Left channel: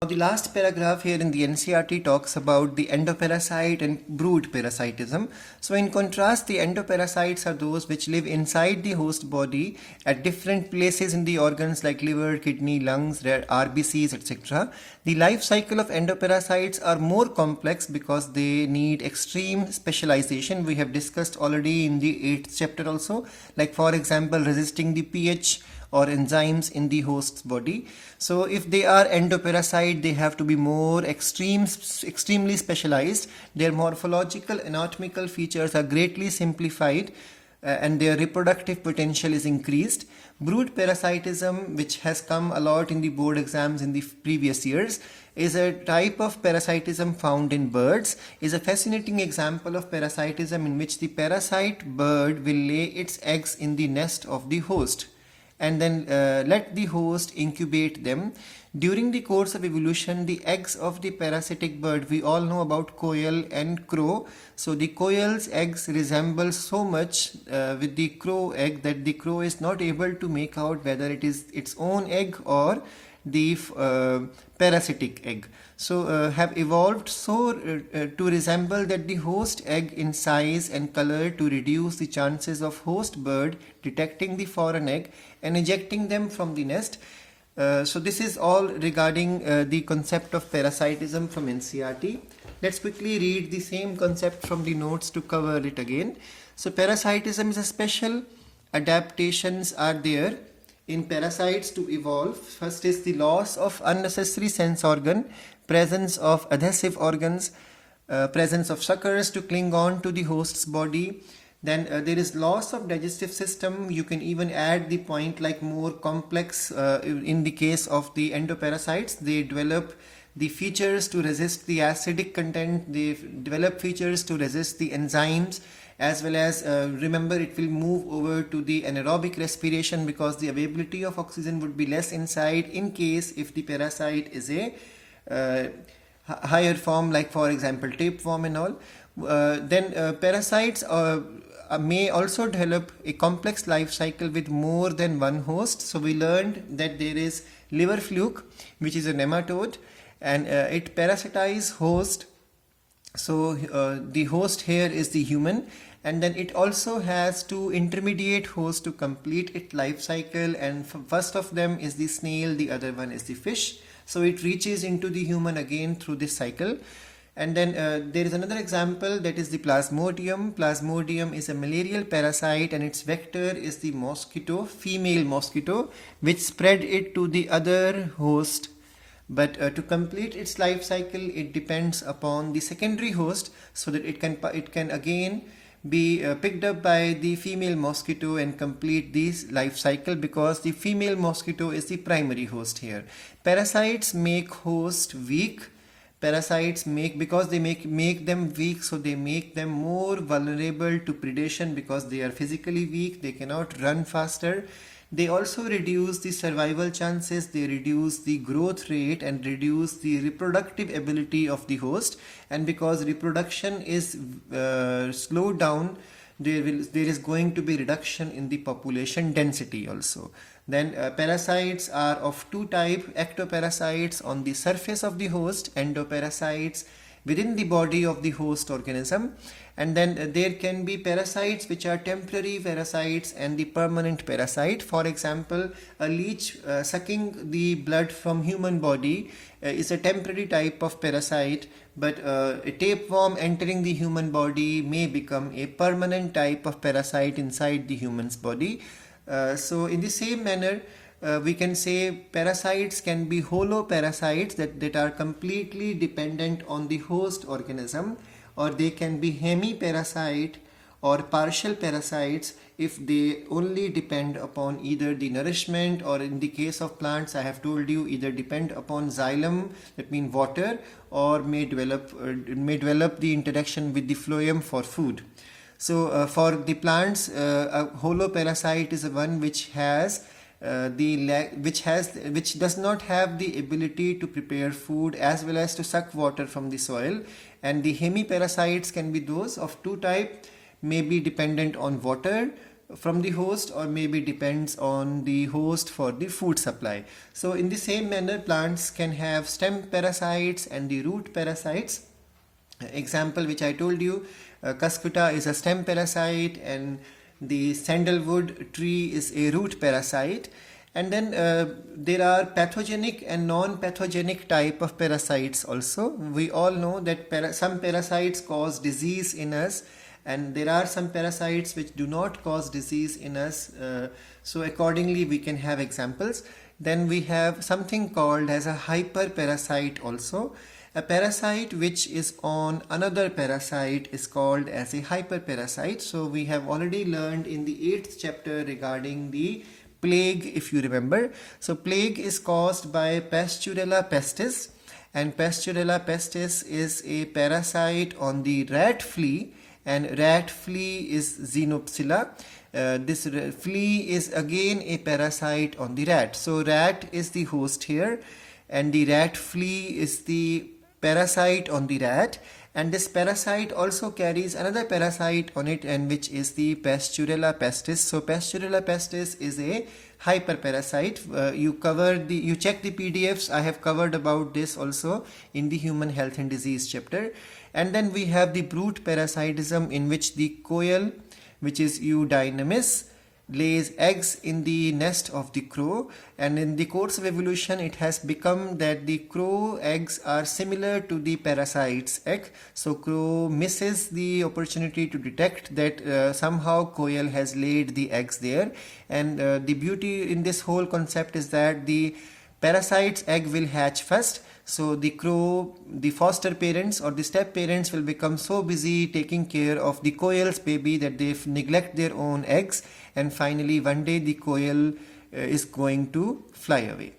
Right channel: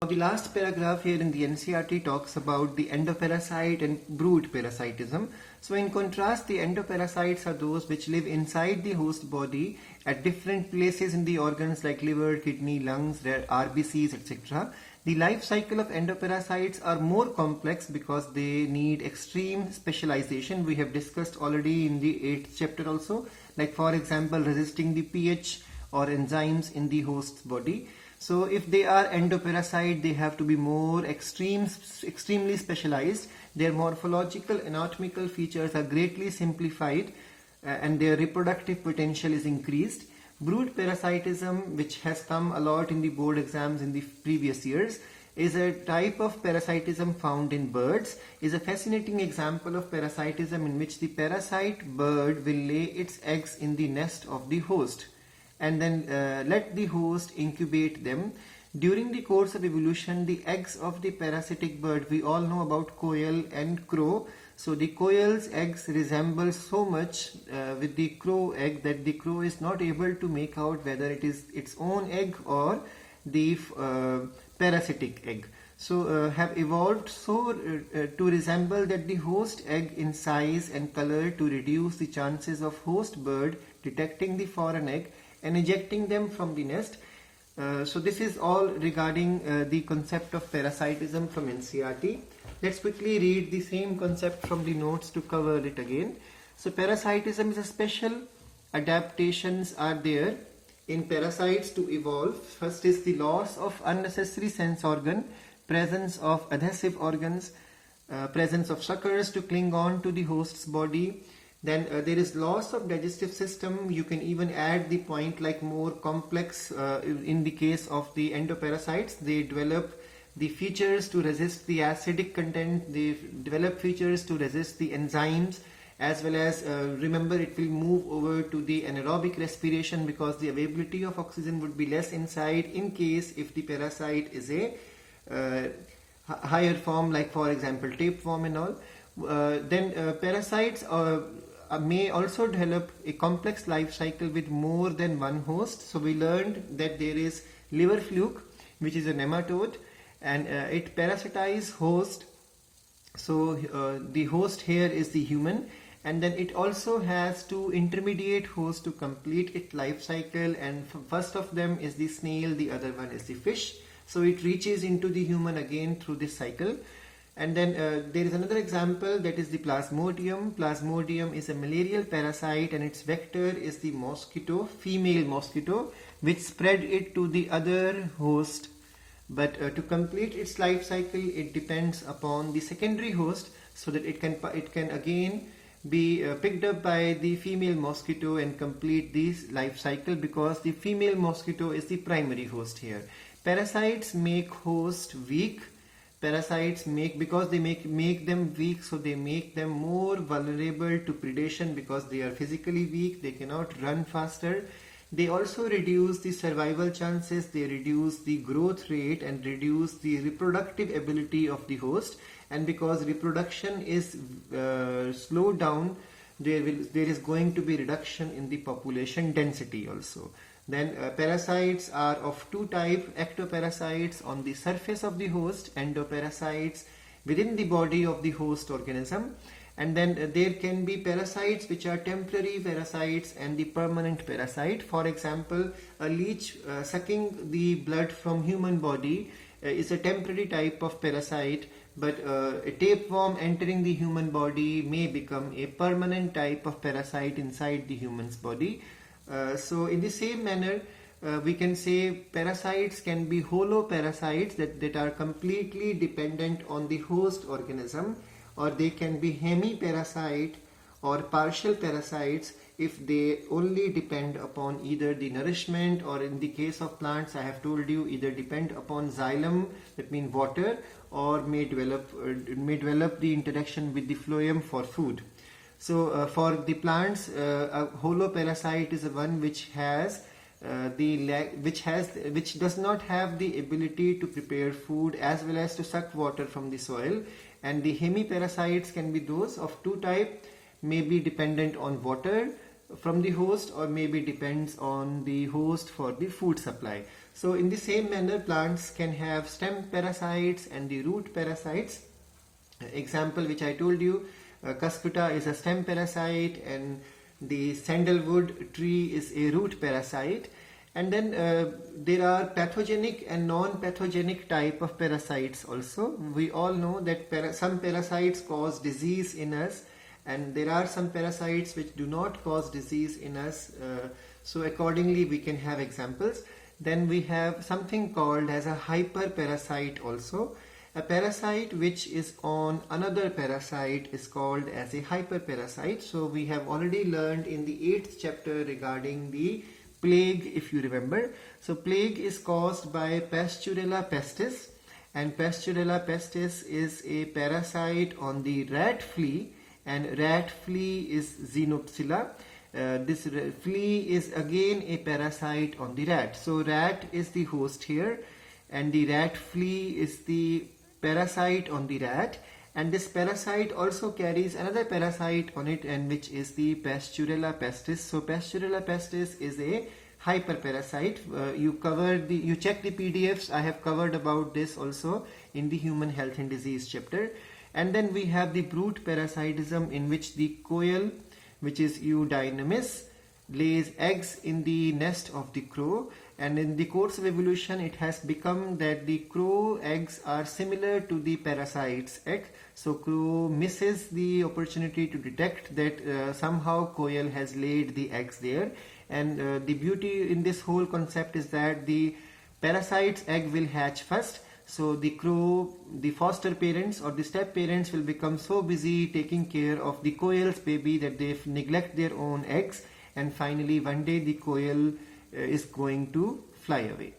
Now, the last paragraph here in the NCERT talks about the endoparasite and brood parasitism. So, in contrast, the endoparasites are those which live inside the host body at different places in the organs like liver, kidney, lungs, RBCs, etc. The life cycle of endoparasites are more complex because they need extreme specialization. We have discussed already in the 8th chapter also, like for example, resisting the pH or enzymes in the host's body. So if they are endoparasite, they have to be more extremely specialized. Their morphological anatomical features are greatly simplified and their reproductive potential is increased. Brood parasitism, which has come a lot in the board exams in the previous years, is a type of parasitism found in birds, is a fascinating example of parasitism in which the parasite bird will lay its eggs in the nest of the host and then let the host incubate them. During the course of evolution, the eggs of the parasitic bird, we all know about quail and crow. So the quail's eggs resemble so much with the crow egg that the crow is not able to make out whether it is its own egg or the parasitic egg. So have evolved so to resemble that the host egg in size and color to reduce the chances of host bird detecting the foreign egg and ejecting them from the nest. So this is all regarding the concept of parasitism from NCERT. Let's quickly read the same concept from the notes to cover it again. So parasitism is a special adaptations are there in parasites to evolve. First is the loss of unnecessary sense organ, presence of adhesive organs, presence of suckers to cling on to the host's body. Then there is loss of digestive system. You can even add the point like more complex in the case of the endoparasites. They develop the features to resist the acidic content. They develop features to resist the enzymes, as well as remember it will move over to the anaerobic respiration because the availability of oxygen would be less inside in case if the parasite is a higher form, like for example tapeworm and all. Then parasites may also develop a complex life cycle with more than one host. So we learned that there is liver fluke, which is a nematode, and it parasitize host. So the host here is the human, and then it also has two intermediate hosts to complete its life cycle, and first of them is the snail, the other one is the fish. So it reaches into the human again through this cycle. And then there is another example, that is the plasmodium. Plasmodium is a malarial parasite and its vector is the mosquito, female mosquito, which spread it to the other host. But to complete its life cycle, it depends upon the secondary host, so that it can again be picked up by the female mosquito and complete this life cycle, because the female mosquito is the primary host here. Parasites make host weak. Parasites because they make them weak, so they make them more vulnerable to predation because they are physically weak, they cannot run faster. They also reduce the survival chances, they reduce the growth rate and reduce the reproductive ability of the host. And because reproduction is slowed down, there is going to be reduction in the population density also. Then parasites are of two types: ectoparasites on the surface of the host, endoparasites within the body of the host organism. And then there can be parasites which are temporary parasites and the permanent parasite. For example, a leech sucking the blood from human body is a temporary type of parasite, but a tapeworm entering the human body may become a permanent type of parasite inside the human's body. So in the same manner, we can say parasites can be holoparasites that are completely dependent on the host organism, or they can be hemiparasite or partial parasites if they only depend upon either the nourishment, or in the case of plants I have told you, either depend upon xylem, that means water, or may develop the interaction with the phloem for food. So for the plants, a holoparasite is one which does not have the ability to prepare food as well as to suck water from the soil. And the hemiparasites can be those of two types, may be dependent on water from the host, or maybe depends on the host for the food supply. So in the same manner, plants can have stem parasites and the root parasites. Example which I told you, cuscuta is a stem parasite and the sandalwood tree is a root parasite. And then there are pathogenic and non-pathogenic type of parasites also. We all know that some parasites cause disease in us, and there are some parasites which do not cause disease in us. So accordingly we can have examples. Then we have something called as a hyperparasite also. A parasite which is on another parasite is called as a hyperparasite. So we have already learned in the 8th chapter regarding the plague, if you remember. So plague is caused by Pasturella pestis, and Pasturella pestis is a parasite on the rat flea, and rat flea is Xenopsilla. This flea is again a parasite on the rat. So rat is the host here, and the rat flea is the parasite on the rat, and this parasite also carries another parasite on it, and which is the Pasturella pestis. So Pasturella pestis is a hyperparasite. You check the PDFs. I have covered about this also in the human health and disease chapter. And then we have the brute parasitism, in which the quail, which is Eudynamis, lays eggs in the nest of the crow, and in the course of evolution it has become that the crow eggs are similar to the parasite's egg. So crow misses the opportunity to detect that somehow quail has laid the eggs there, and the beauty in this whole concept is that the parasite's egg will hatch first. So the crow, the foster parents or the step parents, will become so busy taking care of the quail's baby that they neglect their own eggs, and finally one day the quail is going to fly away.